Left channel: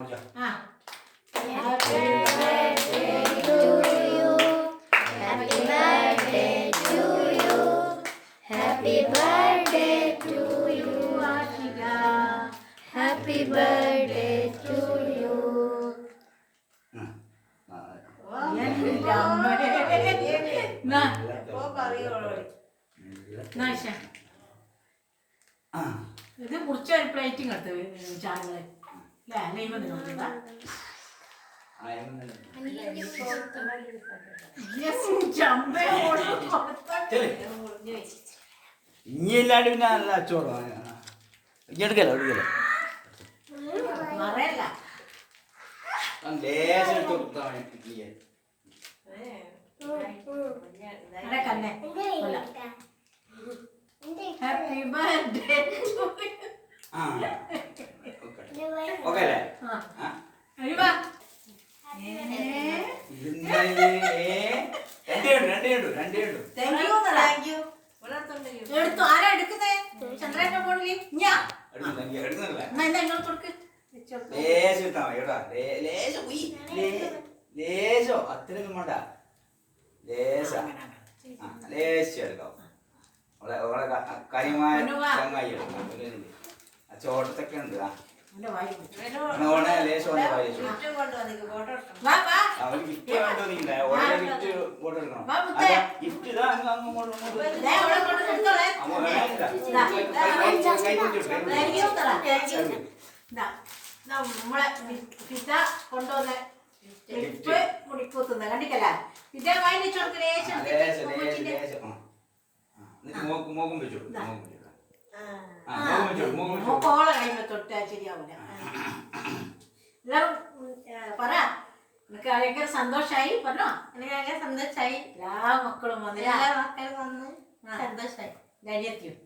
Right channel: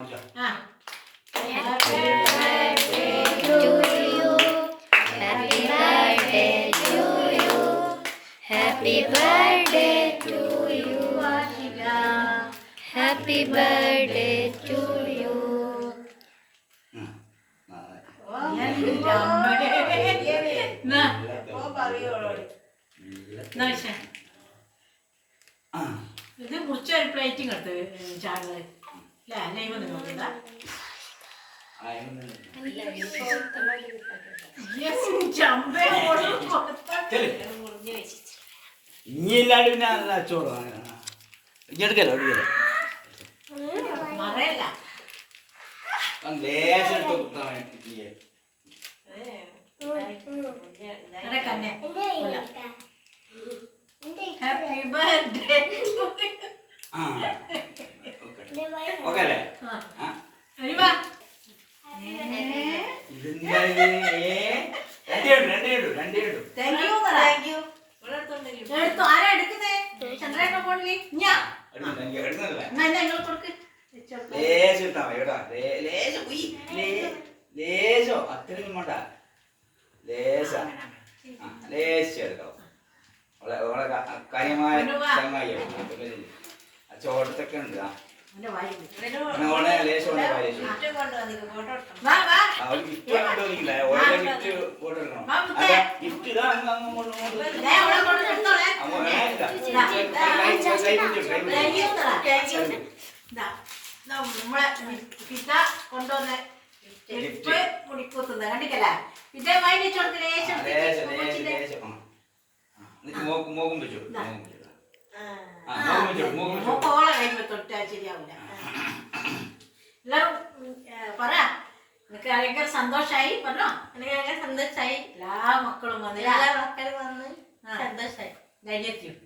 Happy birthday to you. Happy birthday to you. Happy birthday to you, Ashika. Happy birthday to you. ഇത് കുറിച്ച് ഒരു plating എടുത്ത് ചാറുകളെ അല്ലേ നെയ്മ നോക്കിയതാ ഇനിയല്ലാണ്ട് പിന്നെ അച്ചോറോ എടുക്കല്ലോ എടുക്കല്ലോ ലേശം എടുത്ത് കൊടുത്താൽ ഹാപ്പി ബർത്ത്ഡേ ഓക്കെ അല്ലേ എടുത്തു ആരാ എടുക്കുന്നേ ചന്ദ്രേട്ട ഫോണില് ഞാൻ ലേശം ഇട്ടാ മതി കേട്ടോ ലേശോ അത്രയും വേണ്ട ലേശം എടുക്കാം കാര്യമായ ചങ്ങായി ചോട്ടത്തൊക്കെ ഉണ്ട് ലേശം ഗിഫ്റ്റ് ഇതാ നമ്മളെ പിത കൊണ്ടുവന്ന മുടിക്കൂത്തുന്ന കണ്ടിക്കല്ല ഇതേ വാങ്ങിച്ചു മോക്കോളെ കഴിയുമ്പോ തൊട്ടാ ശരിയാവൂല എല്ലാരും പറ എനിക്ക് ഭയങ്കര സന്തോഷായി പറഞ്ഞോ എനിക്ക് ഭയങ്കര സന്തോഷായി എല്ലാ മക്കളും വന്ന് എല്ലാ മക്കളും വന്ന് സന്തോഷായി ധൈര്യത്തിയും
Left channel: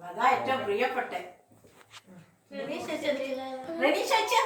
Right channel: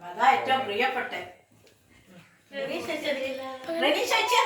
അതാ ഏറ്റവും പ്രിയപ്പെട്ടെ റെഡി ചേച്ചി